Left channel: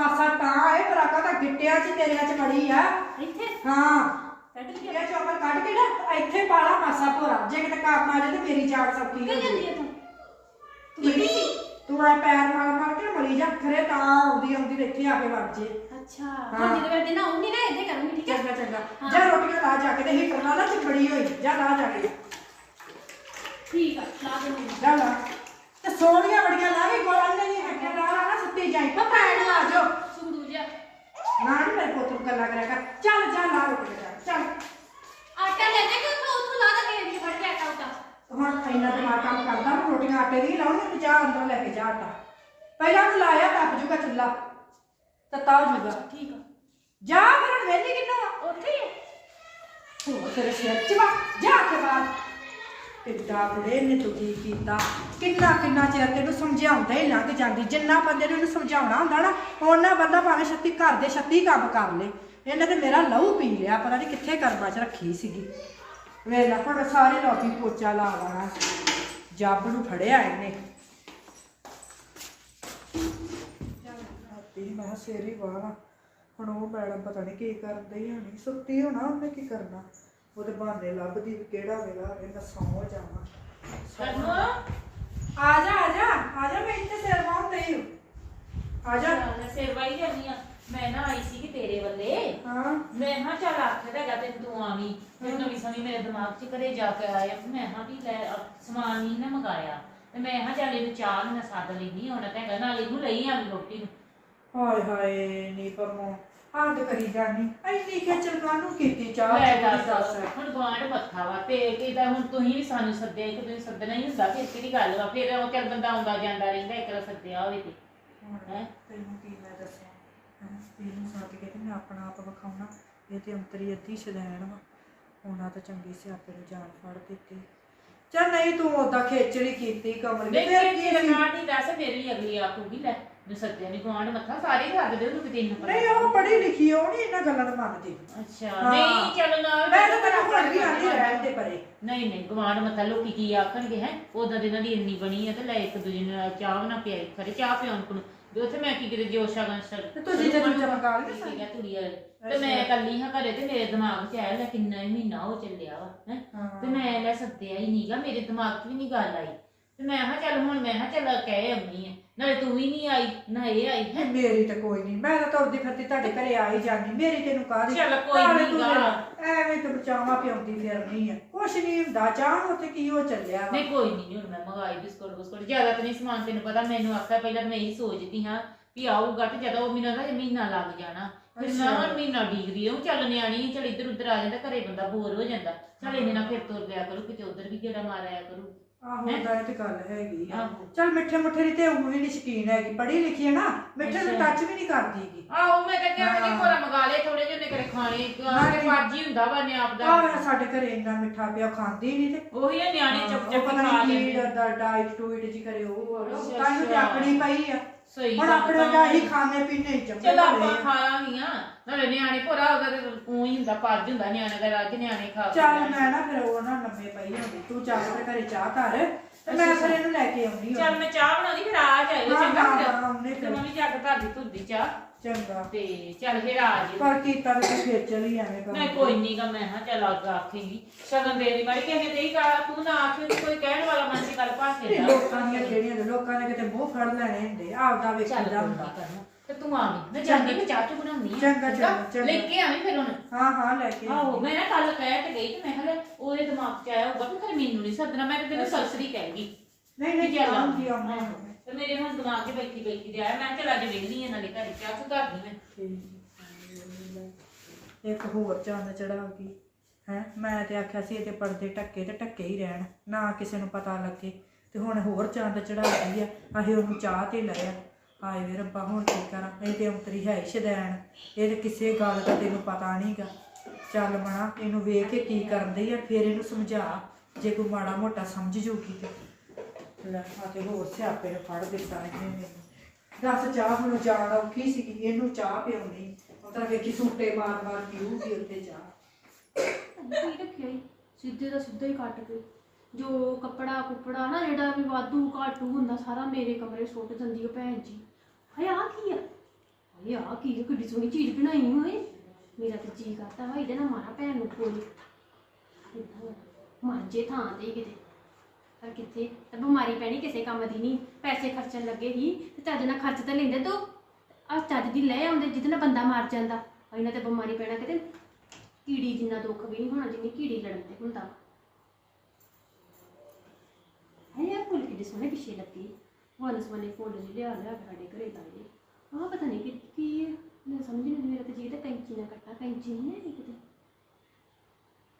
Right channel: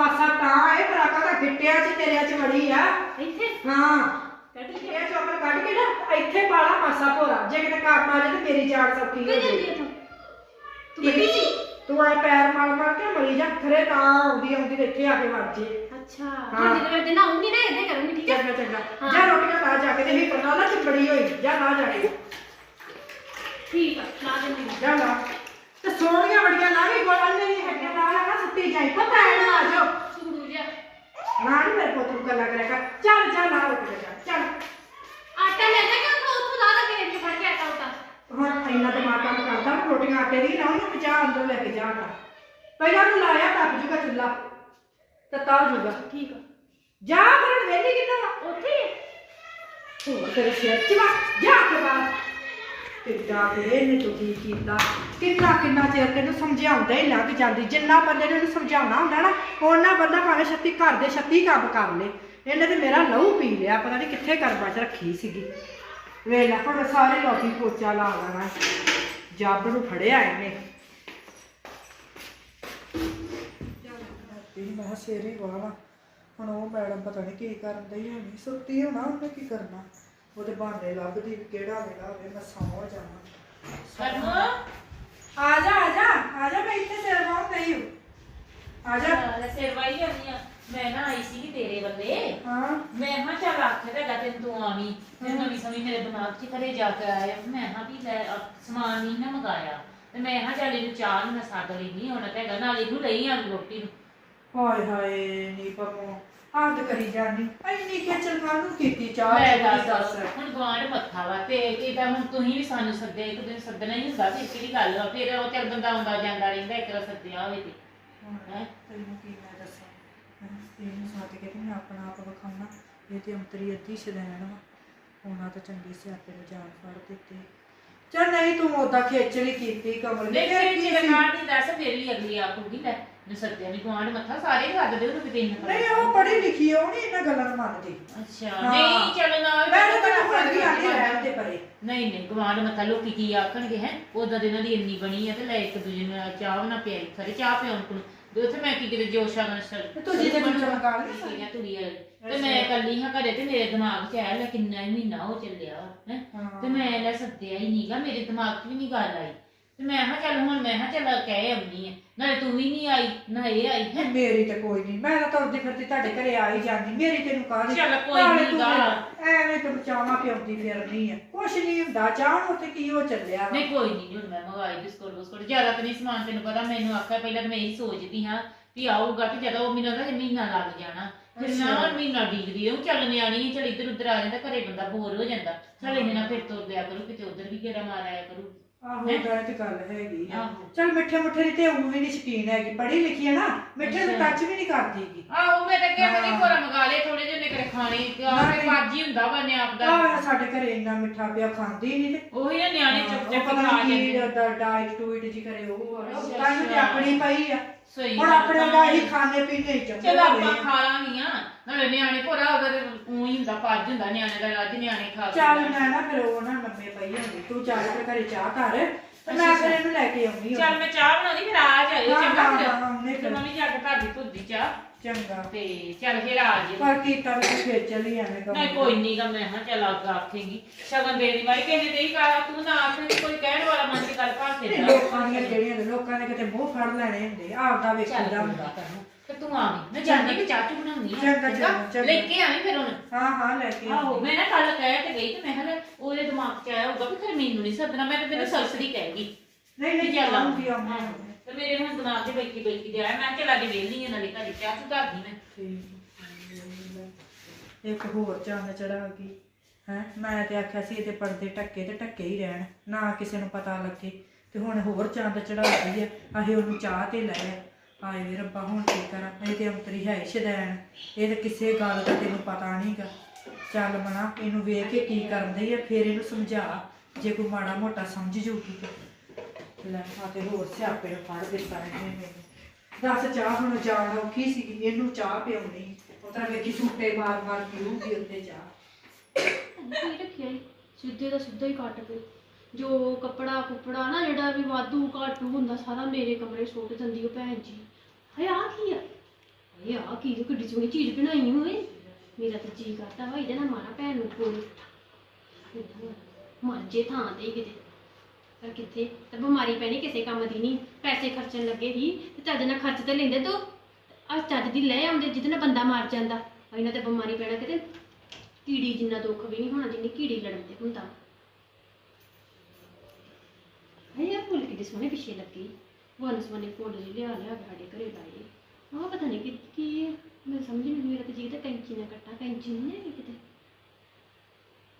ਮਾਸਾ ਤਾਂ ਪਰ ਆਕਾ ਤਾਂ ਗਿੱਟਿਆਂ 'ਚ ਤੇਰਿਆਂ 'ਚ ਵੜੀ ਆ। ਇੱਥੇ? ਹਾਂ। ਕੱਢ ਇਹ ਚੋਕਰ ਕੱਢ ਕੇ ਨਾ ਇੱਥੇ ਪਾਲਾ ਮਾਸਾ ਭੋਰਾ। ਜੇ ਕਿਤੇ ਕੰਮ ਆ ਜਾਏ ਤੇ ਮੇਰੀ ਜਾਨ ਸੌਖੀ ਹੋ ਜਾਂਦੀ ਹੈ ਤੂੰ? ਤੂੰ ਗੱਡੀ ਸੀ ਤੂੰ ਆ ਪੈਰ ਮਾਰ ਮਾਰ ਕੇ ਮਰੀ ਜਾ। ਖਰੇ ਤਾਂ ਆਉਂਦੀ ਆਉਂਦੀ ਇੱਥੇ ਆ ਕੇ ਵੜ ਜੇ। ਅੱਛਾ। ਹਾਂ। ਹਾਂ ਜਦੋਂ ਮੈਂ ਦਿਨ ਆਉਂਗੀ ਨਾ ਇੱਦਾਂ ਕਰੂੰਗੀ ਠੀਕ ਹੈ? ਚੰਗਾ ਚੰਗਾ। ਹਾਂ। ਜਾ ਰੋਟੀਆਂ ਲਾ ਜਾ ਕੇ ਤੇ ਹੀਟਰ ਲਾ ਲਾ ਤੇ ਬੜੀ ਹੋਈ। ਜਾ ਲਾ ਜਾ ਕੇ। ਠੀਕ ਆ ਲਾ ਦਿੰਦੀ ਹਾਂ। ਜਾ ਲਾ। ਤੇ ਸੋਹਣੀਆਂ ਬੜੀਆਂ ਲਾ ਕੇ ਗੋਲਾਂ ਨਹੀਂ ਹੈ ਲਾ ਲਾ ਨਾ ਸੁੱਤੀ ਜਾਈ ਪਤਾ ਹੈ ਨਾ ਆ ਜਾਓ। ਸੁਗੜੂ ਜਾ ਨਾ ਨੀ ਮੇਰੇ ਪੁੱਤ ਨੂੰ ਗੱਲਾਂ ਕਰਿਆ ਕਰ। ਚੱਲ ਜਾ ਨਾ ਰੁਕ ਜਾ ਚੱਲ। ਆਟਾ ਲੈਣਾ ਕਿ ਉੱਥੋਂ ਉੱਥੋਂ ਲਾ ਦਾ ਕੇ ਫੜ ਕੇ ਆਟਾ ਉਟਾ ਹੁਣ ਇੰਨਾ ਦਿਮਾਗ ਕੰਮ ਕਰਦਾ ਹੁਣ ਰੋਟੀਆਂ ਆਟੇ ਦੀ ਲਾਉਣੀ ਤੇ ਜਾ ਅੰਦਰ ਲੈ ਕੇ ਜਾ ਆਟਾ। ਪਹਿਲਾਂ ਨੂੰ ਲਾਇਆ ਤੱਪ ਜੂਗਾ ਚੁੱਲਾ ਤੇ ਤਾਂ ਜੂਗਾ। ਠੀਕ ਆ। ਜਾ ਵਾ। ਉੱਥੇ ਹੀ ਨੇ ਤੂੰ ਕੀ ਕੀਤਾ? ਕਿੰਨਾ ਕਿੰਨਾ ਚਿਰ ਤੈਨੂੰ ਸਮਝਾਉਂਦਾ ਹੀ ਲੰਘ ਜਾਂਦੀ, ਜਿੰਨਾ ਬੰਦੇ ਨੇ ਇਹਨੂੰ ਸਮਝਾਉਣਾ ਹੁੰਦਾ ਨਾ, ਉਹਨਾਂ ਬੰਦਾ ਭਾਵੇਂ ਛੱਤੀ ਘਰ ਦੇ ਛੱਤੀ ਕੰਮ ਕਰ ਲੇ। ਇਹਨੇ ਤੇ ਮੇਰਾ ਲਹੂ ਪੀ ਲਿਆ, ਪਤਾ ਨਹੀਂ ਕਿੱਥੇ ਕਰਮਾ ਚ ਰੱਖੀ ਸੀਗੀ। ਵੇਲਾ ਹੁਣ ਸਾਰੇ ਲੋਕੀ ਪੋਚਾ ਲਾ ਲੈਣਾ। ਜੱਬ ਨੂੰ ਫੜਿਆ ਇਹਨੇ। ਤੇ ਮੈਂ ਸਿਰ ਹੀ ਵਾਲਾ ਹੁਣ ਉਹ ਮੈਡਮ ਪਤਾ ਨਹੀਂ ਕੀ ਕਰਨ ਦਈ ਹੋਣੀ, ਸੁੱਤੀ ਹੋਣਾ ਉਹਨੇ ਕੀ ਕਰਨਾ? ਉਹਦੇ ਬਹਾਨੇ ਲੱਭਦੀ ਵੀ ਕਿਹੜਾ ਵੇਲਾ ਹੋਵੇ ਮੈਂ ਸੌਂ ਜਾਵਾਂ। ਆ ਜਾ ਆ ਜਾ ਆ ਜਾ ਮੈਂ ਇੱਥੇ ਸਿਰ ਨਹੀਂ ਹੂੰ ਆ ਜਾ। ਮੈਂ ਸਿਰ ਵਾਈ ਜਾਂਦੀ ਆ ਮੈਂ ਨਾ ਆਈ ਸੀ ਕਿ ਤੇਰੇ ਵੱਲੇ। ਹਾਂ। ਮੈਂ ਹਾਂ ਚੱਲ ਆਖਿਆ ਤਾਂ ਗਾ ਤੈਨੂੰ ਤੂੰ ਆਵੀਂ। ਤੇ ਨਵੀਂ ਸਮੀ ਮੇਰੇ ਦਿਮਾਗ 'ਚ ਘਰੇ ਜਾ ਕੇ ਆਇਆ। ਮੈਂ ਹਾਂ ਵੀ ਲੈ ਸਮਾਨ ਨਹੀਂ ਨਾ ਮੰਗਾਇਆ। ਤੇ ਮੈਂ ਹਾਂ ਚੱਲ ਇਹਨੂੰ ਚਾਹ ਨੂੰ ਮੈਂ ਸੱਦ ਲੈਣੀ ਹੁਣ ਤਾਂ ਹੈਗਾ ਨਾਲ ਇਹਨੂੰ ਲਈ ਆ ਰੋਟੀ ਨੂੰ। ਹਾਏ ਹਾਏ ਨੀ ਪਰਮੋ ਹੱਦ ਕਰੀ ਜਾਨੀ ਐਨੀ ਖੇਚਲ ਕਾਹਨੂੰ ਕੀਤੀ? ਚਾਹ ਲੈ ਦੱਸ ਦੱਸ। ਹੁਣ ਗਵਾਂਢ ਮੱਥਾ ਵਾ ਤੇ ਕਿਦਾਂ ਹੁਣ ਤੁਸੀਂ ਵੀ ਸਾਨੂੰ ਸੱਦੇ ਇੱਕ ਦਿਨ ਸੱਦਣਾ ਹੀ ਹੁੰਦਾ ਫਿਰ ਕਿਹੜੀ ਗੱਲ ਵਾ? ਫਿਰ ਉਹ ਚੱਲ ਬੰਦਾ ਆਉਂਦਾ ਜਾਂਦਾ ਰਹਿੰਦਾ ਇੱਕ ਵਾਰ ਸੱਦਿਆ ਹੋਵੇ ਤੇ। ਹੈਂ? ਤੈਨੂੰ ਕੀ ਮੈਂ ਦੱਸਾਂ? ਹੈਂ, ਇਹਨੂੰ ਸੱਦ ਕੇ ਤੇ ਮੈਂ ਆਪਣਾ ਆਪ ਵਿਖਾਉਣਾ। ਇਹ ਤੇ ਅੰਤਰੀ ਅੱਧੀ ਸ਼ਦੈਣ ਵਾ। ਉਹਨਾਂ ਤਾਂ ਚੰਗੀ ਸਿਆਪੇ ਨੂੰ ਜਾਨ ਫੜ ਦਿੱਤੀ। ਚੱਲ ਨਹੀਂ ਤੂੰ ਉਹਦਾ ਖੇਚਲੀ ਕੀਤੀ ਕਮਲ ਨੇ ਨਹੀਂ ਫਿਰ ਫਿਰ ਕੀ ਜੇ ਸੀ? ਗਵਾਂਢ ਦੀ ਦੱਸ ਫਿਰ ਵੀ ਅਗਲੀ ਆਖੂਗੀ ਲੈ। ਸੱਦਿਆ ਨਹੀਂ ਗਵਾਂਢ ਮੱਥਾ ਸਾਰੇ ਹੀ ਸੱਦਦੇ ਉਹਨੂੰ ਕਿਤੇ ਇੰਨਾ ਪਤਾ ਨਹੀਂ ਉਹ ਪੜ੍ਹੀ ਲਿਖੀ ਉਹ ਨਹੀਂ ਇਹਨਾਂ ਗੱਲਾਂ ਨੂੰ ਮੰਨਦੀ। ਅੱਛਾ ਹਾਂ। ਨਹੀਂ ਚੱਲ ਨਾ ਮੈਂ ਤਾਂ ਤੈਨੂੰ ਹੁਣ ਵੀ ਆਂਦੀ ਰਹਿਣ ਦੇ ਪਰੇ। ਨਹੀਂ ਨਹੀਂ ਗਵਾਂਢ ਮੱਥਾ ਲੋਕੀ ਕੀ ਆਖਣਗੇ ਹੈ? ਉਦਾਂ ਦੇ ਇਹਨਾਂ ਦੀ ਇੰਨੀ ਬਣੀ ਹੈ ਤੇ ਲੈ ਇੱਕ ਦੂਜੇ ਨੂੰ ਚਾਹ ਬਣਾ ਪਿਆਈ ਖਰੇ ਚਾਹ ਪਿਆਉਣ ਕੋਲ। ਤੇ ਉੱਥੇ ਮੈਂ ਕੀ ਕਿਤੇ ਜੋਸ਼ਾ ਨਾਲ ਸਰ। ਤੇ ਤੁਸੀਂ ਤੇ ਚਮਚਾ ਮੰਗਾ ਲਿਆ ਠੀਕ ਹੈ ਤੁਰੀ ਵਾਲੇ। ਤੇ ਮੈਂ ਕੱਲੀ ਹਾਂ ਘਰੇ ਤੇ ਮੇਰੇ ਦਿਮਾਗ 'ਚ ਆਇਆ ਲੈ ਕਿੰਨਾ ਹੀ ਮਹੀਨਾ ਹੋ ਚੱਲਿਆ ਵਾ ਹੈ? ਹਾਂ। ਤੇ ਮੈਂ ਲੈ ਸੱਦਿਆ ਹੀ ਨਹੀਂਗਾ ਮੇਰੇ ਦਿਮਾਗ 'ਚ ਵੀ ਨਹੀਂ ਗੱਲ ਆਈ। ਤੇ ਮੈਂ ਹਾਂ ਚੱਲ ਹੁਣ ਮੈਂ ਹਾਂ ਚੱਲ ਕਹਿ ਆਉਣੀ ਹੈ ਨਾਲੇ ਤੂੰ ਵੀ ਨਹੀਂ ਆਈ ਨਾ ਇਹ ਆਈ ਹੈ। ਮੇਰੀ ਤਾਂ ਕੋਈ ਨਹੀਂ। ਮੈਂ ਤਾਂ ਤੁਰਦੀ ਫਿਰਦੀ ਤੁਹਾਡੇ ਘਰੇ ਆ ਹੀ ਜਾਂਦੀ। ਮੇਰੀ ਤੈਨੂੰ ਕਾਹਦੀ ਚੱਲ ਕੋਈ ਨਾਲੇ ਨੀ ਤੂੰ ਗਾ। ਐਵੇਂ ਤੂੰ ਚਾਹਾਂ ਪਿਉਂਦੀ ਫਿਰਨੀ ਆ। ਕੁਛ ਨਹੀਂ ਹੁੰਦਾ। ਚਾਹ ਉੱਥੇ ਕੀ ਹੋ ਚੱਲਿਆ ਵਾ। ਨਹੀਂ ਕੋਈ ਨਹੀਂ ਹੁਣ ਮੈਂ ਮੰਗਾਈ ਬਿਸਕੁਟ ਬਿਸਕੁਟ। ਜ਼ਿਆਦਾ ਤਾਂ ਨਹੀਂ ਸਮਾਨ ਤੈਨੂੰ ਪਤਾ ਮੈਨੂੰ ਆਖਿਆ ਪਹਿਲਾਂ ਤਾਂ ਮੈਂ ਇਹੀ ਸੋਚਦੀ ਹਾਂ ਵੀ ਆਊਗਾ ਤੇ ਜਦੋਂ ਉਹ ਮੈਨੂੰ ਦਾ ਮਹੀਨਾ ਲੱਗ ਜਾਣਾ। ਫਿਰ ਅੱਛਾ। ਹੁਣ ਮਹੀਨਾ ਡੀਕਦੀ ਰਹੂੰ। ਚੱਲ ਨਿਆਣੀ ਚੱਲ ਇੱਧਰ ਉੱਧਰ ਆ ਜਾਂਦਾ ਘਰੇ ਬੰਦਾ ਬੋਰ ਹੋ ਜਾਂਦਾ। ਚੱਲ ਇਹਦੇ ਨਾਲ ਫਿਰ ਤੁਰ ਲਿਆ ਕਰੂ ਕਿਤੇ ਉੱਧਰ ਵੀ ਗੇੜਾ ਮਾਰਿਆ ਕਰੂ। ਆਹੋ ਹੈਂ? ਤਾਂ ਇਹ ਤੇ ਗੱਲ ਹੈਗੀ ਆ ਆਹੋ। ਚਲ ਮਿੱਠੇ ਮੁੱਠੇ ਦੀ ਤੇ ਉਹ ਵੀ ਨਹੀਂ ਸ਼ਕੀਨ ਹੈਗੀ ਪੜ੍ਹੀ ਲਿਖੀ ਹੈ ਨਾ ਮਿੱਠੇ ਨੂੰ ਅੱਛਾ। ਟੱਚ ਵੀ ਨਹੀਂ ਕਰਦੀਗੀ ਆਹੋ ਮੈਂ ਤਾਂ ਕਿਹਾ ਕਿ ਹਾਂ। ਕੋਰਾ ਮੰਗਾ ਲਏ ਥੋੜੇ ਜਿਹੇ ਨੇ ਕਰੇ ਖਾਣੇ ਨਹੀਂ। ਤੇ ਬਾਜੀ ਹੁੰਦਾ ਵਾ ਨੇ ਆਪ ਦਾ ਆ ਸਾਡੇ ਘਰੇ ਇੰਨਾ ਮਿੱਠਾ ਪਿਆ ਖਾਂਦੀ ਨਹੀਂ ਤੇ ਉਹੀ ਨਾ ਨਿਆਣੇ ਚੁੱਪ ਉਹ ਚੁੱਪ ਪਤਾ ਖਾ ਨਹੀਂ ਕੀ ਡਾਈਟ ਟੂਇਟ ਜੀ ਕਰੇ ਉਹ ਆ। ਅੱਛਾ, ਤਾਂ ਇਹਨੂੰ ਤੇ ਅੱਛਾ। ਆਪਣੀ ਪਈ ਆ ਸਹੀ ਹੁਣ ਗੱਲ ਆਪਣੇ ਤਾਂ ਦਾ ਹੀ ਖਾਣੇ ਪੀਣੇ ਹੀ ਚੱਪੇ ਚਲੋ ਆਪਾਂ ਖਾ ਲਾਂਗੀਆਂ ਨਾਲੇ ਨਿਆਣੇ ਭੋਰਾ ਉਹਦਾ ਤੇ ਊਂ ਹੀ ਹੁੰਦਾ ਪੱਜ ਹੁੰਦਾ ਨਿਆਣੇ ਦਾ ਅੱਜ ਨਿਆਣੇ ਖਾ ਚੱਲ ਮੈਂ ਨਾ ਫਿਰ ਉਹ ਨਾ ਲੰਮੇ ਪਈ ਹੁੰਦੀ। ਤੂੰ ਚੱਲ ਤੇ ਘਰੇ ਚਾਹ ਕਰ। ਤੇ ਮੈਂ ਫਿਰ ਇਹਨੂੰ ਲੈ ਕੇ ਆਉਣੀ ਚੱਲ ਮੈਂ ਚਾਹ ਬਣਾਉਣੀ ਫਿਰ ਆ ਜਾਇਓ ਹਾਂ, ਚੰਗਾ ਹਾਂ, ਫਿਰ। ਹਾਂ, ਉਹਨੇ ਤੇ ਫਿਰ। ਮੰਮੀ ਜਾ ਕੇ ਧੁੱਦੀ ਚਾਹ। ਚੰਗਾ। ਤੇ ਚੱਲ ਫਿਰ ਆ ਜੀ ਪਰ ਕੀਤਾ ਵੀ ਤੂੰ ਫੇਰ ਚਲੀ ਐਵੇਂ ਕੰਮ ਨਹੀਂ ਕੋਈ ਨਹੀਂ ਗਾ ਮੈਂ ਹਾਂ ਚੱਲ ਅੱਗ ਆਖੇਗੀ। ਸ਼ਗਨ ਦੇ ਦੀ ਵਾਰੀ ਕਿਸੇ ਦੇ ਹੀ ਕਹਾ ਤੂੰ ਨਾ ਆਖੇ ਤੇ ਕੋਈ ਕਹਿਣ ਵਾਲਾ ਮਨ ਚ ਗੱਲ ਭਾਸੇ ਨਹੀਂ, ਲੋਕਾਂ ਦੀਆਂ ਜਿਹੜੀਆਂ ਨੇ ਲੋਕਾਂ ਨੇ ਕਿਤੇ ਮੂੰਹ ਫੜ ਲੈਣੇ ਹੁੰਦੇ ਆਪਦਾ ਵੇਖੀਦਾ ਹੁੰਦਾ। ਤੇ ਤੂੰ ਆਵੀਂ ਮੈਂ ਜਾਂਦੀ ਕਿ ਚਾਹ ਚੁ ਬਣਾਉਣੀ ਆ। ਚੰਗਾ, ਚੰਗਾ, ਚੰਗਾ। ਲੈ ਕੇ ਆਵੀਂ ਫਿਰ ਹੁਣ। ਹਾਂ ਹਾਂ ਲੈ ਕੇ ਆਹੋ ਮੈਂ ਨਾ ਕੱਲ ਕਹਿ ਤੇ ਗਈ ਤੇ ਮੈਂ ਦਿਮਾਗ 'ਚ ਆਇਆ ਹੋਊਗਾ ਵੀ ਫਿਰ ਮੈਨੂੰ ਨਹੀਂ ਸੱਦਣਾ ਮੈਂ ਤੇ ਤੈਨੂੰ ਸਰਸਰੀ ਕਹਿਗੀ ਨਹੀਂ ਨਹੀਂ ਚੱਲ ਆਉਂਦੀ ਆਉਂਦੀ ਤੇ ਮੇਰੇ ਹੁਣ ਦਿਮਾਗ 'ਚ ਬੈਠੀ ਬੈਠੀ ਦੇ ਆਇਆ। ਮੈਂ ਕਿਹਾ ਚੱਲ ਅੱਜ ਵੇਲਣੀ ਆ ਨਾਲੇ ਘਰੇ ਚਾਹ ਤੂੰ ਕਰਦੀ ਮੈਂ। ਠੀਕ। ਇੱਕ ਹੋਰ ਚੰਨ ਚੜਾ ਗਈ। ਹੈ ਮੈਂ ਤੇ ਆਖਿਆ ਸੀ ਇਹਦੇ ਪਰਦੇ ਟੱਕੇ ਤੇ ਟੱਕੇ ਹੀ ਰਹਿਣ। ਨਾ ਕਿਸੇ ਨੂੰ ਪਤਾ ਲੱਗੇ। ਤੇ ਹੁਣ ਹੋਰ ਚੰਦ ਚੜਾ ਗਈ ਆ। ਆਹੇ ਉਹਨੂੰ ਚਾਹ ਤੇ ਲਾਇਆ ਹਾਏ ਵੇ ਰੱਬਾ ਹੁਣ ਕੀ ਕਰਾਂ? ਇਹ ਤੇ ਅੰਤਰੀ ਹੈ ਸ਼ਦੈਣ। ਇਹ ਤੇ ਕਿਸੇ ਗੱਲ ਦਾ ਤੈਨੂੰ ਪਤਾ ਨਹੀਂਗਾ ਚੱਲ ਮਣਾ ਇਹਨੂੰ ਵੇਖ ਕੇ ਕੀ ਕਰਦੀ ਆ, ਫਿਰ ਇਹਨੂੰ ਸਮਝਾ। ਜੇ ਕੋਈ ਮਾੜਾ ਮੋਟਾ ਸਮਝ ਜੂਗੀ ਤੇ। ਲੈ, ਆ ਤੇ ਹੋਰ ਸਿਆਪੇ ਨੂੰ ਫੜ ਦਿੱਤਾ ਇਹਨੇ ਮੈਨੂੰ ਦੱਸ ਚਾਹ ਹੁਣ ਜਾਣ ਔਖੀ ਸੀ ਇਹਨੂੰ ਚਾਹ ਪਿਉਣੀ ਉਹ ਵੇਖੀ ਸੂਟੇ ਮਾਰ ਮਾਰ ਪੀਊਗੀ ਉੱਤੇ ਚਾਹ। ਕੀ ਰੱਖਿਆ ਈ? ਸਿੱਧੇ ਦਾ ਸਿੱਧਾ ਹੀ ਕੱਟ ਕੇ। ਜੋ ਕੱਪੜਾ ਕੁਪੜਾ ਨਾ ਜਿਹੜਾ ਵੀ ਵਾਧੂ ਘਾਟੂ ਹੁੰਦਾ, ਸਾਰਾ ਮੇਰੇ ਕਮਰੇ ਸੁੱਟ ਦਿੰਦੀ ਉਹ ਭੈਣ ਜੀ। ਹਾਏ ਆ ਕੀ ਆ? ਹਾਏ ਆ ਕੀ ਕਿੱਡੀ ਸੋਹਣੀ ਚੀਜ਼ ਬਣਾਈ ਹੋਏ ਮੇਰਾ ਤਾਂ ਜੀ ਕਰਦਾ ਵਾ, ਇਹਦੇ ਨਾਲ ਮਾਰਾ ਭੈਣ ਨੂੰ ਕੋਲ ਮਰ ਜੇ ਥਾਂ ਤੇ ਹੀ ਕਿਤੇ। ਪਰ ਕਿੱਥੇ? ਤੇ ਬਿਮਾਰੀ ਪੈਣੀ ਕਿਸੇ ਕੰਮ ਦੀ ਨਹੀਂ। ਪੈਸੇ ਖਰਚਣ ਲੱਗੇ ਹੀ, ਤੇ ਚੱਜ ਨਾਲ ਖਰਚ ਤੇ ਲੈਂਦੇ ਤੂੰ। ਆ ਚੱਜ ਦੀ ਲੈ ਆਉਂਦੇ, ਜਿਹਦੇ ਨਾਲ ਬੰਦਾ ਮਰ ਜਾਂਦਾ। ਆ ਇਹਨਾਂ ਤੇ ਬਿਮਾਰੀ ਪੈਣਾ ਕਿਤੇ। ਕੀੜੀ ਜਿੰਨਾ ਦੁੱਖ ਵੀ ਨਹੀਂ ਹੋਣਾ, ਜਿੰਨੀ ਕੀੜੀ ਲੜਨ ਤੇ ਹੁੰਦਾ ਹੈ ਯਾਰ ਫੁੱਲ ਕਿੱਡੇ ਸੋਹਣੇ ਪਿੱਛੇ ਲੱਗੀ। ਵਨ ਸਵਨੇ ਫੁੱਲ ਜਿਹੇ ਲਿਆ ਲਿਆ ਸਾਡੇ ਘਰੇ ਲਾਏ। ਆਹ ਪਤਾ ਨਹੀਂ ਕਿ ਕੀ ਮੈਂ ਸਮਝ ਨਹੀਂ ਮੇਰਾ ਤੇ ਜੀ ਤਾਂ ਕੈਂਚੀ ਨਾਲ ਕੱਟਾ ਕੈਂਚੀ ਨਹੀਂ ਹੈਗੀ ਕਿਤੇ?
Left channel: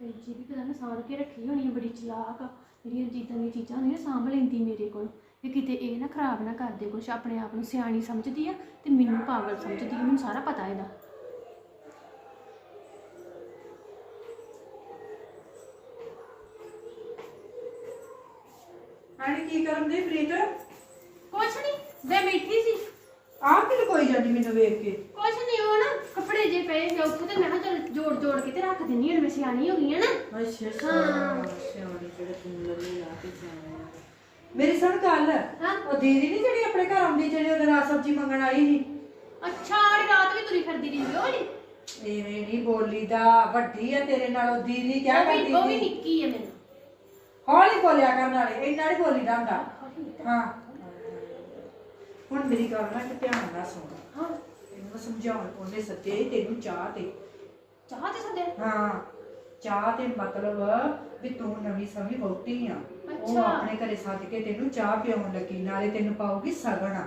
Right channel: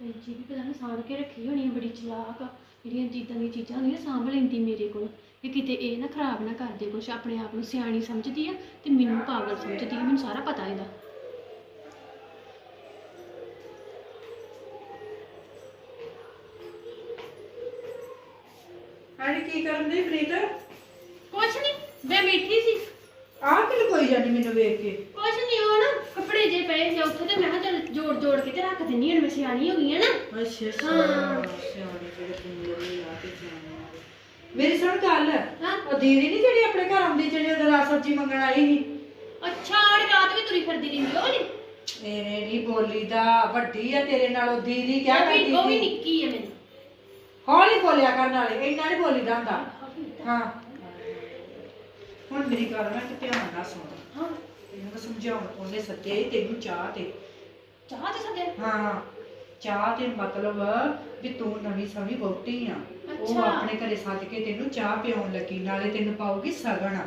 ਕੈਂਚੀ ਵੀ ਪਤਾ ਨਹੀਂ ਸਾਂਭ ਕੇ ਰੱਖੀ ਹੋਣੀ ਹੈ, ਬੜੀ ਚਲਾਕ ਆ। ਜਿਹੜੀਆਂ ਜਿੱਦਾਂ ਦੀਆਂ ਚੀਜ਼ਾਂ ਹੁੰਦੀਆਂ ਸਾਂਭ ਲੈਂਦੀ ਮੇਰੇ ਕੋਲ। ਕਿ ਕਿਤੇ ਇਹ ਨਾ ਖਰਾਬ ਨਾ ਕਰ ਦੇ ਕੁਛ ਆਪਣੇ ਆਪ ਨੂੰ ਸਿਆਣੀ ਸਮਝਦੀ ਆ ਤੇ ਮੈਨੂੰ ਪਾਗਲ ਸਮਝਦੀ ਆ ਮੈਨੂੰ ਸਾਰਾ ਪਤਾ ਇਹਦਾ। ਅਰੇ ਕੀ ਕਰਨ ਦੀ ਪ੍ਰੀਤ? ਕੁਛ ਨਹੀਂ ਮੈਂ ਬੈਠੀ ਸੀ। ਆਹ ਕਿ ਕੋਈ ਜਾਂਦੀ ਮੈਨੂੰ ਵੇਖ ਕੇ। ਕੁਛ ਨਹੀਂ ਉਹ ਨਾ ਕੱਪੜੇ ਜੇ ਪਏ ਜਾਂ ਉੱਥੇ ਤੇ ਮੈਂ ਕਿਹਾ ਚੱਲ ਜੋੜ ਜੋੜ ਕੇ ਤੇ ਰੱਖ ਦਿੰਨੀ ਹਾਂ ਮੈਂ ਸਿਆਣੀ ਹੋ ਗਈ ਆ ਨਾ। ਅੱਛਾ ਹਾਂ। ਸਿਆਣੇ ਜਿਹੜੇ ਪਿੰਗਲੇ ਲਾ ਕੇ ਜਾਣੇ ਆ। ਮੇਰੀ ਸੁਣ ਗੱਲ। ਹਾਂ। ਉਹ ਦੀਦੀ ਨਹੀਂ ਜਿਹੜੀ ਆਪਣੇ ਘਰ ਆਉਂਦੀ ਜਿਹੜੀ ਉਹ ਰਾਤ ਸਬਜ਼ੀ ਮੰਗਣ ਆਈ ਸੀ? ਅੱਛਾ ਆੜੀ ਰਾਤ ਵੀ ਤੁਰੀ ਫਿਰਦੀ ਰਹਿੰਦੀ ਉਹ ਨਹੀਂ? ਇਹਨੇ ਨਹੀਂ ਬੋਲੀ ਦਾ ਵੱਡੀ ਆ ਤੇਰੇ ਨਾਲੋਂ ਦੀਦੀ ਕਿਆ ਵੀ ਉਹ ਵੀ ਕਰਦੀ ਸੀ? ਨਿੱਕੀ ਹੈ ਮੈਨੂੰ। ਹੌਲੀ ਬੋਲਿਆ ਕਰਨ ਵਾਲੇ ਇੰਨਾ ਨਹੀਂ ਬੋਲੀਦਾ ਹੁੰਦਾ। ਹਾਂ। ਹੁਣ ਮੇਰੀ ਗੱਲ ਨਾ ਕਿ ਧਿਆਨ ਨਾਲ ਸੁਣ। ਹਾਂ। ਇਹਨੂੰ ਮੈਂ ਸਮਝਾਉਣ ਉਹਨੇ ਸੱਦੇ ਤੈਨੂੰ ਚਾਹ ਤੇ। ਚਾਹ ਤੇ ਸੱਦੇ? ਹਾਂ। ਚਾਹ ਤੇ ਮਤਲਬ ਵੀ ਤੂੰ ਨਵੀਂ ਸਵੀ ਵਹੁਟੀ ਆ। ਉਹ ਅੱਛਾ। ਆਪਣੇ ਘਰੇ ਸੱਜ ਕੇ ਤੈਨੂੰ ਚਾਹ ਪਿਆਉਣ ਲੱਗੀ ਨਾਲੇ ਤੈਨੂੰ ਪਾਉਗੀ ਸਗਣ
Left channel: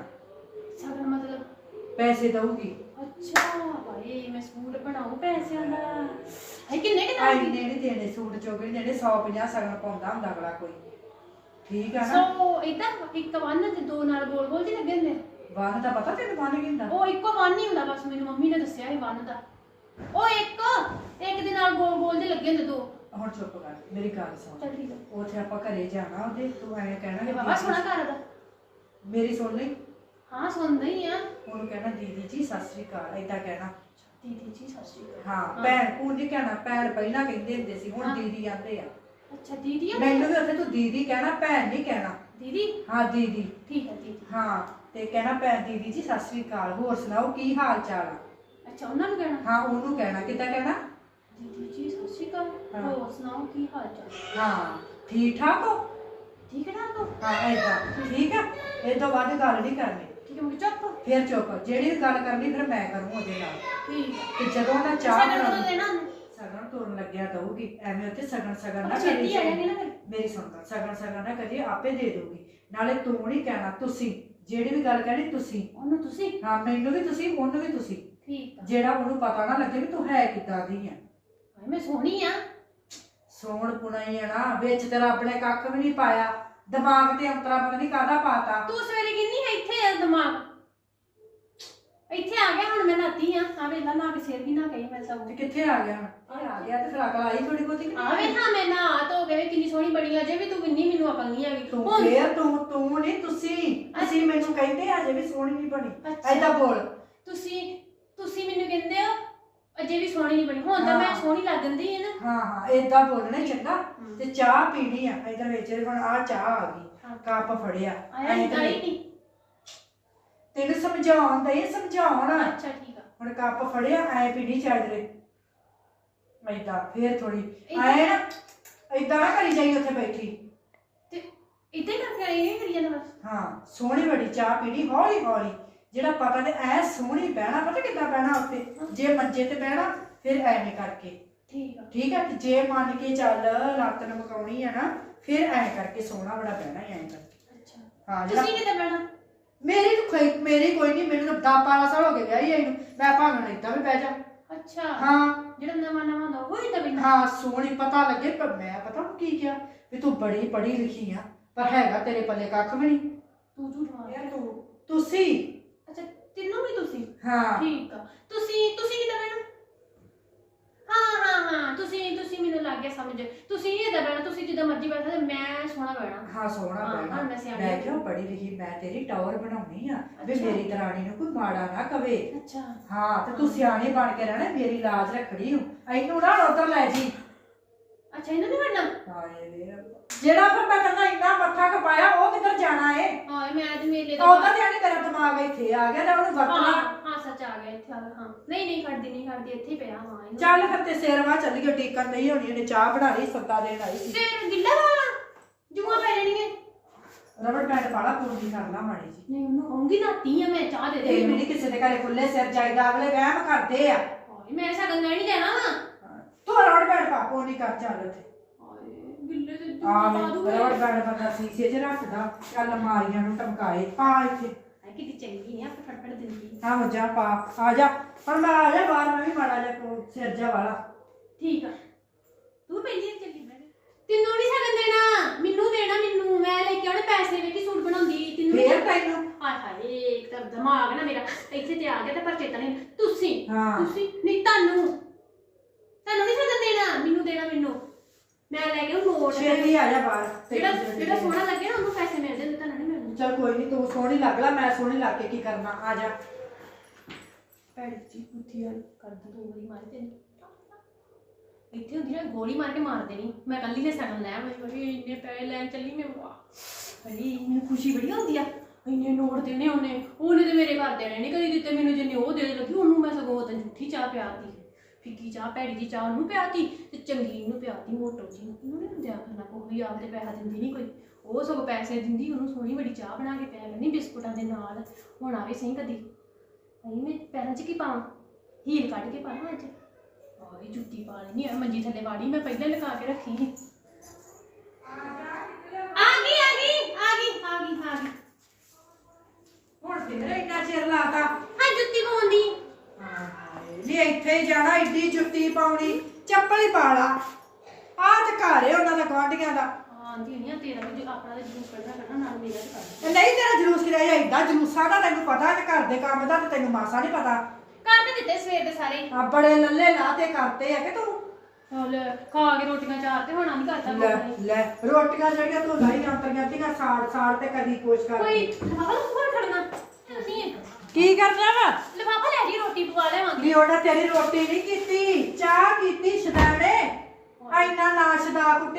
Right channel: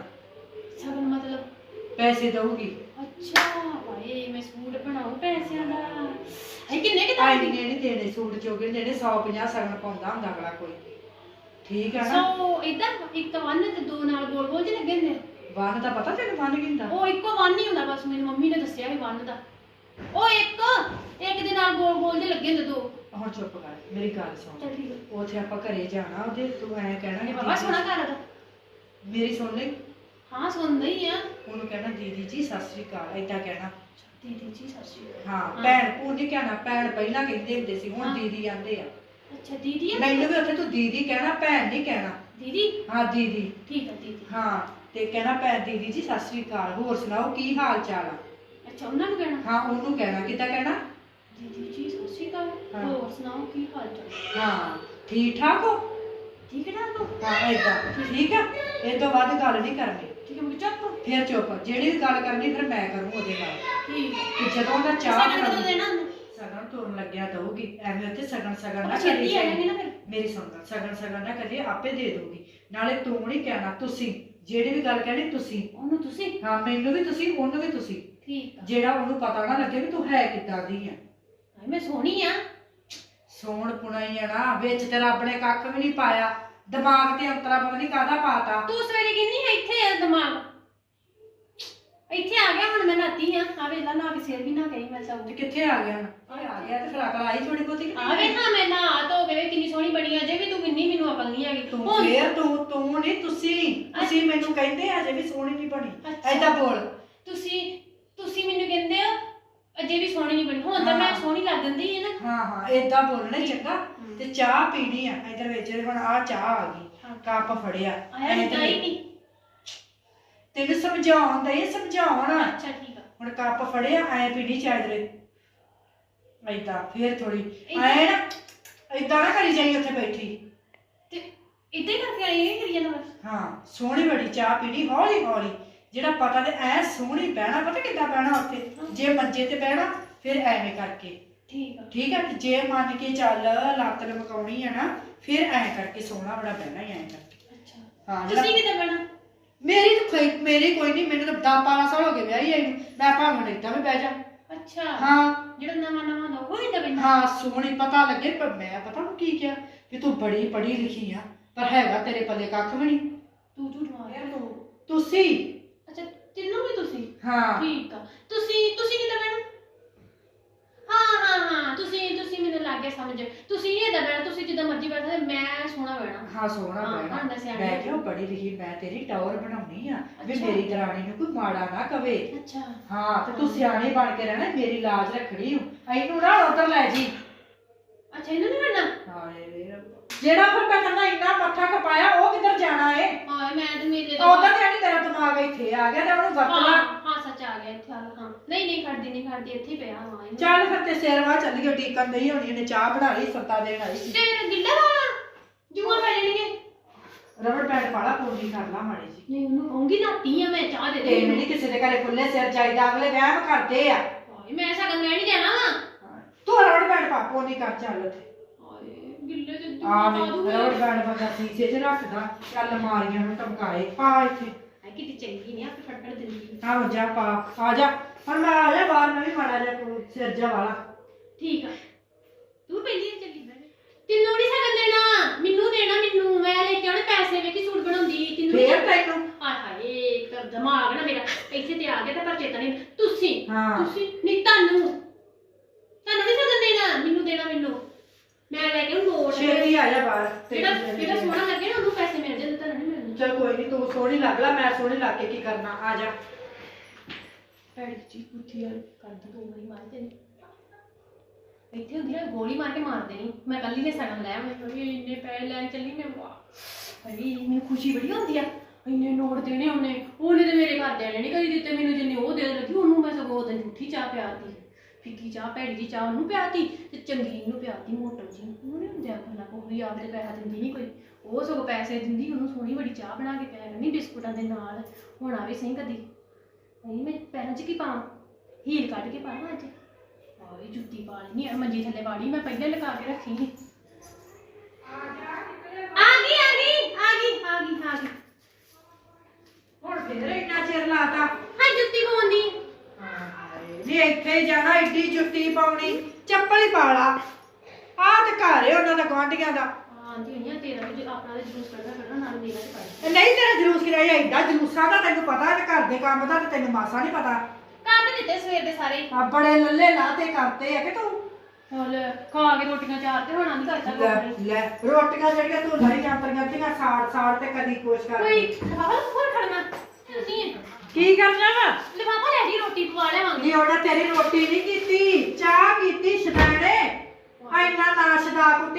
ਸਗਨ ਮਤਲਬ? ਪੈਸੇ ਦਊਗੀ। ਅੱਛਾ ਭਾਈ ਮੈਂ ਸੂਟ ਬਣਾਉ ਪੈਸਿਆਂ ਦਾ। ਹੈ ਕਿੰਨੇ ਕਿ ਆਈ ਨੇ ਨਹੀਂ ਦੇਣੇ ਸੂਟ ਚੋਗੇ ਦੇਣੇ 150 ਸਗਣ ਪਾਉਂਦਾ ਹੁੰਦਾ ਅਗਲਾ ਕੋਈ। ਠੀਕ ਆ ਨਾ? ਸੋ ਇਦਾਂ ਇੱਕ ਵੰਨ ਤੇ ਦੋ ਨਾਲ ਗੋਲ ਗੋਲ ਜਿਹੇ ਲੱਗੇ ਨੇ ਵਨ ਦਾ ਪਤਾ ਤੈਨੂੰ ਵਨ ਕਿੰਦਾ ਉਹ ਇੱਕੋ ਵੰਨ ਹੀ ਹੁੰਦਾ ਬਸ ਮੈਨੂੰ ਮੰਮੀ ਨੇ ਦੱਸਿਆ ਸੀ ਵੰਨ ਦਾ। ਉਹ ਇੱਕ ਇੱਕ ਦੇ ਨਾਲ ਗੋਲ ਗੋਲ ਜਿਹੇ ਲੱਗੇ ਨੇ ਦੋ। ਹੁਣ ਚੁੱਪ ਕਰ ਮੇਰੀ ਗੱਲ ਸੁਣ। ਚੱਲ ਠੀਕ ਹੈ ਉਥੇ ਆਪਾਂ ਘਰੇ ਜਾਣਾ ਉਹਦੇ ਤੂੰ ਐਂ ਕਹਿਣਾ ਇਹ ਬਾਬਾ ਸੋਹਣਾ ਘਰ ਦਾ ਮੇਰੀ ਸੁਣ ਲੈ ਹਾਂ ਸੁਣਦਾ ਹੀ ਆ। ਉਹਨੂੰ ਕਹਿਣਾ ਦੀਦੀ ਜੀ ਸਤਿ ਸ੍ਰੀ ਅਕਾਲ। ਏਦਾਂ ਕਹਿਣਾ। ਦੀਦੀ ਜੀ ਸਤਿ ਸ਼੍ਰੀ ਅਕਾਲ। ਹਾਂ ਭੈਣ ਭੂਣ ਨਹੀਂ ਕਹਿਣਾ ਭੈਣ ਪਹਿਲਾਂ ਕਹਿੰਦੇ ਹੁੰਦੇ ਸੀ ਹੁਣ ਹਾਂ। ਦੀਦੀ ਆਂਦੇ ਆ। ਅੱਛਾ ਦੀਦੀ ਆ ਮੈਨੂੰ ਵੀ ਉੱਥੇ ਤੂੰ ਦੀਦੀ ਕਹਿਣਾ ਭੈਣ ਨਹੀਂ ਕਹਿਣਾ। ਦੀਦੀ? ਹਾਂ ਦੀਦੀ। ਠੀਕ ਆ ਦੀਦੀ। ਹਾਂ ਤੇ ਕਹਿਣਾ ਭੈਣ ਦੀਦੀ ਜੀ ਸਤਿ ਸ੍ਰੀ ਅਕਾਲ। ਹੋਰ ਸੁਣਾਓ ਕੀ ਹਾਲ ਚਾਲ ਆ? ਅੱਛਾ ਉਹਨਾਂ ਨੂੰ ਕਹਿਣਾ? ਹਾਂ ਉਹਨੂੰ ਕਹਿਣਾ ਕਿੱਦਾਂ ਕਹਿਣਾ? ਦੀਦੀ ਜੀ ਸਤਿ ਸ਼੍ਰੀ ਅਕਾਲ। ਹਾਂ। ਹੋਰ ਸੁਣਾਓ ਕੀ ਹਾਲ ਚਾਲ? ਹਾਂ ਠੀਕ ਠਾਕ ਹੋ? ਠੀਕ ਹੈ? ਨਾ ਹਾਂ ਏਦਾਂ। ਠੀਕ ਆ? ਇਹ ਤੋਂ ਬਾਅਦ ਗੱਲ ਨਹੀਂ ਕਰਨੀ। ਠੀਕ ਹੈ ਮੈਂ ਚੁੱਪ ਫਿਰ ਚੁੱਪ। ਜਿਹੜੀ ਗੱਲ ਕਰਨੀ ਫਿਰ ਮੈਂ ਕਰੂੰ ਉਹਦੇ ਨਾਲ। ਠੀਕ ਹੈ ਤੇ ਜਦੋਂ ਉਹਦਾ ਚਾਹ ਬਣਾਉਣੀ- ਦੇਣਾ ਉਹਨੇ? ਸਗਨ ਤੋਰਨ ਲੱਗਿਆ ਦਊਗੀ ਐਵੇਂ ਉੱਥੇ ਸਗਨ ਸਗਨ ਨਾ ਛੇਤੀ ਆ ਜਾਗੇ ਨਾ ਫਿਰ। ਮੇਰੀ ਸੁਣ ਗੱਲ ਸਗਨ ਸਗਨ ਨਾ ਕਰੀ ਆਪੇ ਦੇ ਦਊਗੀ। ਨਾਲੇ ਤੂੰ ਨਹੀਂ ਕਹਿਣਾ ਤੁਸੀਂ ਜਿਹੜੀ ਵੀ ਗੱਲ ਕਹਿਣੀ ਤੁਸੀਂ। ਉਹਨੂੰ ਤੁਸੀਂ? ਹਾਂ ਮੈਨੂੰ ਵੀ ਤੁਸੀਂ ਉਹਨੂੰ ਵੀ ਤੁਸੀਂ। ਠੀਕ ਆ। ਜਿਹੜਾ ਉਹਨੂੰ ਪਤਾ ਨਾ ਲੱਗੇ ਵੀ ਤੂੰ ਹੈ ਕਿੱਦਾਂ ਦੀ ਆ। ਹਾਏ ਮੈਂ ਸੋਹਣੀ ਆ। ਸੋਹਣ ਪੁਣਾਈ ਆ ਨਾ ਵਿੱਚ ਤੇ ਰੱਬ ਨੇ ਕੱਖ ਵੀ ਨਹੀਂ ਪਾਇਆ। ਦਿਮਾਗ ਤੇ ਅੰਤਰਾ ਪਤਾ ਨਹੀਂ ਕਾਹਦਾ ਪਾਤਾ। ਤੂੰ ਸਵੇਰੇ ਕਿੰਨੀ ਇੱਥੇ ਆ ਦਿਮਾਗ ਇੱਥੇ ਆ ਗਿਆ ਹੁਣ ਮੈਂ ਨਾਤੀ ਆ ਆ ਵੇਲਾ ਨਾ ਕੇ ਸਿਰ ਵੀ ਨਾ ਕਹੀ ਮੈਂ ਸਭ ਤੇ ਕਿੱਥੇ ਆ ਗਿਆ? ਇਹ ਆ ਗਿਆ ਤੇ ਫਿਰ ਅਕਲ ਆਈ ਥੋੜੀ ਬਹੁਤੀ ਕਿ ਆ ਨਹੀਂ ਵੇ ਨਾ ਮੈਂ ਨਾ ਧੋ ਕੇ ਵੇ ਕਿੰਨੀ ਸੋਹਣੀ ਬਣੀ ਅਜੇ ਵੀ ਤੂੰ ਕਿੰਨੀ ਮੈਨੂੰ ਅਕਲ ਨਹੀਂ ਹੈਗੀ। ਤੂੰ ਹੁਣ ਫੇਰ ਤੂੰ ਤੂੰ ਨਹੀਂ ਤੁਸੀਂ ਤੁਸੀਂ ਮੈਨੂੰ ਕਹਿੰਦੇ ਅਜੇ ਵੀ ਸੋਹਣੀ ਨਹੀਂ ਬਣੀ। ਅੱਛਾ। ਐਦਾਂ ਬੋਲ। ਤੁਸੀਂ ਤੁਸੀਂ ਮੈਨੂੰ ਕਹਿੰਦੇ ਹੋ ਅਜੇ ਵੀ ਸੋਹਣੀ ਨਹੀਂ ਬਣੀ। ਹੁਣ ਤਾਂ ਮੈਂ ਹਾਂ। ਸੋਹਣੀ ਲੱਗਦੀ ਹੈ ਨਾ। ਹਾਂ ਹਾਂ ਏਦਾਂ ਬੋਲਣਾ ਹੀ ਚੰਗਾ। ਤੇ ਚਾਹ ਪੀਣੀ ਆ ਇਧਰ ਵਿੱਚ ਹੁਣ ਆ ਚਾਹ ਆ ਗਈ ਹਾਂ। ਕੱਪ ਫੜਿਆ। ਆਇਆ ਨਹੀਂ ਗਈ ਨਹੀਂ ਤੈਨੂੰ ਸਮਝਾਉਣ ਦੇ ਸਮਝਾਉਣ। ਅੱਛਾ ਠੀਕ ਆ। ਹੁਣ ਕੱਪ ਫੜਿਆ ਐ ਪੀਣੀ ਚਾਹੀਦੀ ਏਦਾਂ ਫੇਰ ਥੋੜੀ? ਐ ਨਾ ਏਦਾਂ ਨਾ ਕਰੀ ਜਾਈ ਉੱਥੇ ਬੈਠੀ। ਤੇ ਇੱਦਾਂ ਹੀ ਕਰਕੇ ਆਈ ਇਹ ਕਰੀ ਜਾਂਦਾ ਬਸ ਹਾਂ ਸੋਹਣੀ ਬੜੀ ਚਾਹ ਪੀਣੀ ਹੌਲੀ ਹੌਲੀ। ਜਿਹੜਾ ਪਤਾ ਤੇ ਐ ਸੋਹਣੀ ਬਹਿਣਾ ਪਤਾ ਕਿੱਦਾਂ ਬਹਿਣਾ ਉੱਥੇ? ਜੇ ਮੰਜੇ ਤੇ ਬਹਿਣਾ ਫਿਰ ਐਵੇਂ ਕਰਕੇ। ਠੀਕ ਆ। ਠੀਕ ਹੈ ਜੇ ਮੰਨ ਕੇ ਚੱਲ ਲੱਤ ਲਮਕਾਉਣੀ ਆ ਨਾ ਫਿਰ ਐ ਕਰਕੇ ਸੋਹਣਾ ਬੜਾ ਬਹਿਣਾ ਹੀ ਐ ਕਰਕੇ। ਅੱਛਾ। ਹਾਂ ਤੁਸੀਂ ਜਿਹੜਾ ਕਿਤੇ ਬੈਣਾ ਮੇਰੀ ਤਾਂ ਕੋਈ ਮੇਰੀ ਕੋਈ ਨਹੀਂ ਮੈਨੂੰ ਤਾਂ 10 12 ਸਾਲ ਹੋ ਗਏ ਵਿਆਹੀ ਆਈ ਨੂੰ। ਮੈਂ ਭਾਵੇਂ ਏਦਾਂ ਵੀ ਬਹਿ ਜਾ। ਅੱਛਾ। ਹਾਂ। ਜਿਹੜਾ ਨਵਾਂ ਨਵਾਂ ਹੁੰਦਾ ਉਹ ਹੀ ਦਵੇ ਹਾਂ ਸੋਹਣੀ ਪਤਾ ਲੱਗੇ ਪਰ ਮੈਂ ਪਤਾ ਨੂੰ ਕੀ ਕਿਹਾ ਵੀ ਤੂੰ ਬੜੀ ਪੜ੍ਹੀ ਲਿਖੀ ਆ ਪਰ ਹੈਗਾ ਤੇਰੇ ਪੱਲੇ ਕੱਖ ਵੀ ਨਹੀਂ ਤੂੰ ਝੂਠ ਮਾਰ ਤੁਸੀਂ? ਅੱਛਾ ਤੈਨੂੰ ਵੀ ਤੁਸੀਂ? ਹਾਂ। ਠੀਕ ਆ। ਤੁਸੀਂ ਤੁਸੀਂ ਹਾਂ ਤੁਸੀਂ ਤੁਸੀਂ ਮੈਨੂੰ ਲੱਗ ਗਿਆ ਸਮਝ। ਤੁਸੀਂ ਇਹ ਦਬਣਾ ਤੁਸੀਂ ਜਿੱਦਾਂ ਮਰਜ਼ੀ ਬੈਠੋ ਤੇ ਮੈਂ ਸੋਹਣਾ ਬੈਣਾ ਹਾਂ ਸੋਹਣਾ ਹਾਂ, ਬਹਿਣਾ। ਹੁਣ ਮੈਂ ਹੋ ਕਿਹਾ ਪੜ੍ਹੀ ਲਿਖੀ ਮੈਂ ਤੇਰੀ ਟਾਵਰ ਬਣਾਉਣੀ ਆ ਵੀ ਅੱਛਾ। ਮੇਰੀ ਦਰਾਣੀ ਨੂੰ ਕੋਈ ਮਾੜਾ ਨਾ ਕਵੇ। ਅੱਛਾ। ਹਾਂ ਤੇ ਤੂੰ ਸਿਆਣੀ ਬਣ ਕੇ ਰਹਿਣਾ ਮੇਰੀ ਲਾਜ ਰੱਖੜੀ ਹੂੰ ਇਹਨੂੰ ਨਾ ਉਧਰ ਲੈ ਜੀ। ਅੱਛਾ ਇਹਨਾਂ ਨੇ ਬੈਣਾ ਹਾਏ ਰੱਬਾ। ਜਿਹੜਾ ਫਿਰ ਮੈਂ ਕਹਿੰਦਾ ਇੰਨਾ ਮੱਥਾ ਕਪਾਇਆ ਉਹ ਕਿੱਧਰ ਜਾਣਾ ਏ? ਹਾਏ ਮੈਂ ਤੇ ਦਾ ਉਹਦਾ ਤੇ ਨਹੀਂ ਤੇਰਾ ਦਿਮਾਗ ਇੱਥੇ ਆ ਗਿਆ ਤੇ ਉਹਨੂੰ ਵਰਤ ਹਾਂ ਹਾਂ ਸੱਚ ਆ ਗਿਆ ਇੱਥੇ ਕਰਦੀ ਨਹੀਂ ਕਰਦੀ ਇੱਥੇ ਹੀ ਪਿਆ ਹਾਂ ਇਹਨੂੰ। ਚੱਲ ਫਿਰ ਤੇ ਸੇਰਵਾ ਚੱਲ ਗਈ ਟੀਕਨ ਨਹੀਂ ਹੋਣੀ ਇਹਨੇ ਚਾਹ ਬਣਾ ਲਈ ਸੱਤਾ ਦੇਣ ਆਈ ਸੀ। ਸਿਰ ਗਿੱਲਾ ਵਾਲਾ ਜੂਆਂ ਪੈ ਜਾਣੀਆਂ ਰਬੜ ਬੈਂਡ ਪਾਲਾ ਪੂਰੀ ਕਰ ਲਾ ਮਾੜੀ ਜੀ ਨਹੀਂ ਉਹਨੂੰ ਕਹੂੰਗੀ ਨਾਤੀ ਆ ਮੈਂ ਚਾਹ ਦੇ ਦੇ ਤੇ ਨਹੀਂ ਕਿਸੇ ਦੇ ਘਰੇ ਖੁੱਲੇ ਸਿਰ ਚਾਹੀਦਾ ਅਗਲੇ ਵਹਿਮ ਕਰਦੇ ਆ। ਹਾਏ ਮੈਂ ਸਗਨ ਲੈਣ ਜਾਣਾ ਵਾ। ਤੂੰ ਰਬੜ ਬੈਂਡ ਪਾ ਪੂਰੀ ਕਰ ਚੱਲ ਉੱਥੇ। ਹਾਏ ਗਿੱਲੇ ਤੇ ਆ ਜੂਆਂ ਪਾ ਦੂੰਗੀ। ਰਬੜ ਬੈਂਡ ਬੰਦਾ ਸੀਸੇ 'ਚ ਰੱਖਦਾ ਚੱਲ ਮਾਰੀਆਂ ਨੂੰ ਟਮਕਾਏ ਪਾ ਇੱਥੇ। ਕਿਤੇ ਚੰਗੀ ਨਹੀਂ ਆਪੇ ਫਟਫਟ ਦਿੰਦੀ। ਆਹੋ ਜਾ ਪਾ ਆ ਜਾ। ਪਰ ਮੈਂ ਆ ਜਾ ਬਾਹਰ ਮੈਂ ਵੀ ਮਾੜਾ ਜਾ ਸਿਰ ਜਾ ਵਾਲਾ ਠੀਕ ਆ। ਤੂੰ ਪਹਿਲੀ ਚੱਲੀ ਤੈਨੂੰ ਨਹੀਂ ਸਗਨ ਦੇਣਾ ਮੈਨੂੰ ਦੇਣਾ ਮੈਨੂੰ। ਮੈਂ ਲੈ ਕੇ ਆਉਣੇ ਪੈਸੇ ਵੇਖੀ ਸੂਟ ਬਣਾਉਂਦੀ ਤੈਨੂੰ ਨੀ ਫੇਰ ਤੈਨੂੰ? ਹਾਏ ਹਾਏ ਇੱਕ ਤਾਂ ਦਿਮਾਗ ਨਾ ਮੇਰਾ ਇੱਥੇ ਤੇ ਆ ਗਿਆ ਤੇ ਪਰ ਚੇਤਾ ਨਹੀਂ। ਤੁਸੀਂ ਹਾਂ। ਤੁਸੀਂ ਨਹੀਂ ਤੁਹਾਨੂੰ। ਤੁਹਾਨੂੰ ਨਹੀਂ ਸਗਨ ਦੇਣਾ ਮੈਨੂੰ ਦੇਣਾ ਮੈਨੂੰ। ਮੈਂ ਲੈ ਕੇ ਆਉਂ ਨੋਟ। ਛੇਤੀ ਆ ਜਾ ਬਾਹਰ ਜਿਹੜਾ ਜਿਹੜਾ ਸੋਹਣਾ ਲੱਗੇ ਨਾ ਉਹਨੂੰ ਪੈਸੇ ਮਿਲ ਜਾਂਦੇ ਤੁਹਾਨੂੰ ਨਹੀਂ ਮਿਲਦੇ। ਚਲ ਕੋਈ ਨਹੀਂ ਤੂੰ ਸੋਹਣੀ ਲੱਗ ਲਾ ਮੈਂ ਸੋਹਣੀ ਲੱਗ ਕੇ ਕੀ ਕਰਨਾ ਆ ਜਾ। ਭੈੜੀ ਜੀ ਬੁੱਧੀ ਵਾਲੀ ਕਰਦੀ ਦੋ ਵਾਰੀ ਮਾਰ ਤੈਨੂੰ ਇੱਥੇ ਹੁੰਦੀ ਨਾ ਗੋਲੀ ਮਾਰ ਕੇ ਮਾਰ ਦੇਣੀ। ਮੈਂ ਕੱਲੀ ਨੇ ਸਗਨ ਲੈ ਮੈਂ ਕੋਈ ਇੰਨੇ ਪੈਸੇ ਲੈਣ ਚੱਲੀ ਮੈਂ ਵਾਹ। ਅਰੇ ਮੈਨੂੰ ਖੁਸ਼ੀ ਬੜੀ ਹੁੰਦੀ ਆ। ਇੰਨੇ ਨੋਟ ਦੇਣੇ ਉਹਨੇ। ਉਹਨੇ ਤੇ ਮੇਰੇ ਘਰ ਦੇਣੇ ਨਹੀਂ ਕਦੀ ਦਿੱਤੇ ਮੈਨੂੰ ਜਿੰਨੇ ਉਹ ਦੇ ਲੱਗੀ ਉਹਨੂੰ ਮੈਂ ਸਗੋਂ ਉਹਦੇ ਝੂਠੀ ਚਾਹ ਪਿਆਤੀ। ਫਿੱਕੀ ਚਾਹ ਭੈੜੀ ਜੀ ਚਾਹ ਉਹਨੂੰ ਪਿਆਤੀ ਤੇ ਚੰਗੀ ਨੂੰ ਪਿਆਤੀ ਮੋਟੋ ਜੀ ਨੂੰ। ਉਹਨੇ ਹੁੰਦਿਆ ਕਰਨਾ ਕੋਈ ਆਪ ਤੇ ਪੈਸਾ ਦਿੰਦੀ ਨਹੀਂ ਕੋਈ। ਉਹ ਸਗੋਂ ਪੈਸੇ ਦਿੰਦੀ ਉਹਨੂੰ ਸੋਹਣੀ ਬੜੀ ਚਾਹ ਬਣਾ ਕੇ ਪਿਆ ਕਰਨੀ ਬਿਸਕੁਟਾਂ ਦੇ ਨਾਲ। ਹੁਣ ਆਵੇ ਸਹੀ ਕਦੀ। ਪੈਰਾਂ 'ਚ ਕੀ ਪਾਵਾਂ? ਹੀਲ ਕੱਢ ਕੇ ਪਾਵਾਂ ਅੱਜ? ਆਏ ਜੁੱਤੀ ਪਾ ਲੈਣੀ ਆ ਮੰਜੀ ਥੱਲੇ ਵਾੜੀ ਮੈਂ ਪਹਿਲਾਂ ਲਗਾ ਕੇ ਰੱਖੀ ਸੀ। ਆ ਗਈ ਆ ਗਈ ਆ ਗਈ ਆ ਗਈ ਆ ਗਈ। ਹੁਣ ਫੇਰ ਇੰਨਾ ਚਿਰ ਲਾਤਾ। ਹਾਂ ਜੁੱਤੀ ਪਾਉਂਦੀ। ਨਹੀਂ ਇੱਥੇ ਹੀ ਜਾਣਾ ਏਡੀ ਜੁੱਤੀ ਪਾਉਣੀ। ਚੱਪਲ ਹੀ ਪਾ ਲਾ। ਆ ਤੇ ਘਰ ਉਹਨਾਂ ਦਾ ਗੁਆਂਢੀਆਂ ਦਾ। ਆਂਦੀ ਨਹੀਂ ਆ ਤੇਰਾ ਵੀ ਜੋ ਆਪਣਾ ਤੇ ਜੂਸ ਕੱਢਣਾ ਕੱਢਣਾ ਨਾਲ ਮੇਰਾ ਤੇ ਪਾਈ ਤੇ ਨਹੀਂ ਤੇਰਾ ਜਲੂਸ ਕਿਰਾਇਆ ਏਡਾ ਜਲੂਸਾਂ ਦਾ ਤੈਨੂੰ ਪਤਾ ਤੇ ਘਰ ਦੇ ਕੰਮ ਦਾ ਤੇ ਤੈਨੂੰ ਮਾਸਾ ਨਹੀਂ ਪਤਾ। ਕਰ ਤੇ ਦਿੱਤੇ ਸਵੇਰ ਦੇ ਸਾਰੇ? ਆ ਬੜੇ ਲੱਲੇ ਲਾਤੇ ਕਰਤੇ ਆ ਕਿ ਤੂੰ? ਹਲ ਖਾ ਕੇ ਰੋਟੀਆਂ ਚਾਰ ਤੇ ਹੋਣਾ ਨਹੀਂ ਕਰਦਾ ਲੈ ਰੋਟੀਆਂ ਜਿਹੜੀਆਂ ਤੂੰ ਲਾਈ ਜਾਂਦੀਆਂ ਤੀਆਂ ਸਾੜ ਸਾੜ ਤੇ ਕਦੀ ਕੁਛ ਕਰ। ਕੋਈ ਲਿਫਾਫਾ ਹੋਰ ਖੜਨਾ ਨਹੀਂ। ਕੀ ਕਰਨਾ ਵਾ? ਲਿਫਾਫਾ ਲੈ ਜੀ ਰੋਟੀ ਪਵਾ ਲੈਵਾਂਗੇ ਨਹੀਂ ਉਹਨੇ ਤੇਰੀ ਰੋਟੀ ਨਹੀਂ ਕੀਤੀ? ਚਾਹ ਕੀਤੀ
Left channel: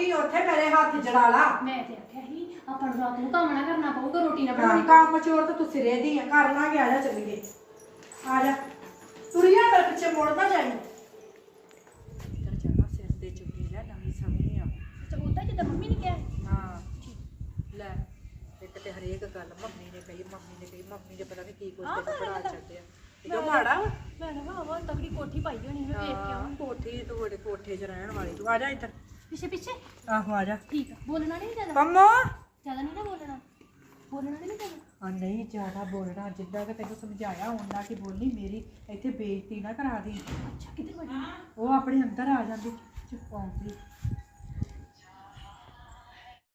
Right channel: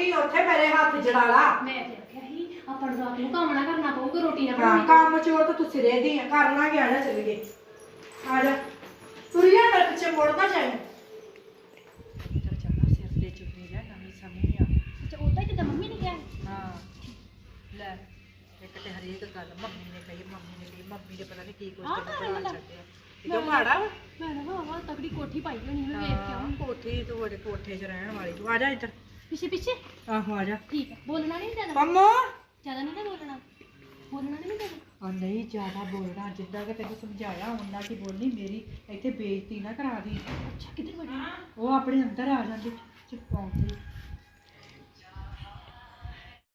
ਕੁੱਟੀ ਉੱਥੇ ਮੇਰੇ ਹੱਥ ਜੜਾ ਲਾ ਮੈਂ ਤੇ ਆਖਿਆ ਸੀ ਆਪਾਂ ਨੂੰ ਰਾਤ ਨੂੰ ਕੰਮ ਨਾ ਕਰਨਾ ਪਊਗਾ ਰੋਟੀ ਨਾ ਹਾਂ, ਬਣਾਉਣੀ ਕੰਮ ਚੋਰ ਤਾਂ ਤੂੰ ਸਿਰੇ ਦੀ ਆ ਕਰ ਲਾਂਗੇ ਆ ਜਾ ਚੱਲੀਏ ਆ ਜਾ ਤੁਰਿਆ ਮੇਰੇ ਪਿੱਛੇ ਮੁੜਦਾ ਜਾਈ ਇੱਧਰ ਜਾਣਾ ਸਿਰ ਤੇ ਚੁੰਨੀ ਜਾ ਨਵੀਂ ਸਮੇਂ ਆ ਅੱਛਾ ਉਦਾਂ ਹੀ ਜਿੱਦਾਂ ਮੰਮੀ ਨੇ ਕਿਹਾ ਹਾਂ ਲੈ ਇੱਕ ਤੇ ਹਰੇਕ ਗੱਲ ਮੰਮੀ ਨੇ ਕਹੀ ਮੰਮੀ ਨੇ ਕਹੀ ਮੰਮੀ ਦੇ ਪਤਾ ਨਹੀਂ ਕੀ ਕੁਝ ਆਹ ਤੇ ਤਾਂ ਬਣਾ ਗੱਲ। ਛੱਡਿਆ ਇਹ ਮਾੜਾ ਵਾ ਮੈਂ ਨਾ ਹਵਾ ਤਕੜੀ ਕੋਠੀ ਪਾਈ ਹੋਣੀ ਮੈਂ ਵੇਖ ਕੇ ਹਾਂ, ਆਉਂ ਕੋਠੀ ਤੂੰ ਬੜੇ ਕੋਠੇ 'ਚ ਰਹਿਣ ਵਾਲੀ ਤੂੰ ਆ ਜਾ ਇੱਧਰ ਪਿੱਛੇ ਪਿੱਛੇ। ਆਹੋ ਆ ਜਾ। ਠੀਕ ਆ। ਬੋਲਣਾ ਨਹੀਂ ਜ਼ਿਆਦਾ। ਪੰਮੋ। ਜ਼ਿਆਦਾ ਨਹੀਂ ਨਾ ਬੋਲਣਾ। ਬੋਲਣਾ ਨਹੀਂ ਜ਼ਿਆਦਾ। ਆ ਨਹੀਂ ਜ਼ਿਆਦਾ ਬੋਲਣਾ। ਜਿੱਦਾਂ ਕਿ ਤੈਨੂੰ ਸਮਝਾਇਆ ਉਹਨਾਂ ਕੀ ਬੋਲਣੀ ਮੇਰੀ। ਇੱਥੇ ਬੇਇੱਜ਼ਤੀ ਨਾ ਕਰਾ ਦੀ। ਅੱਛਾ ਕਿੱਧਰ ਵੜੀ? ਉਹ ਆਪਣੇ ਅੰਦਰ ਆ ਜਾਂਦੀ। ਚੁੱਪ ਆਉਂਦੀ।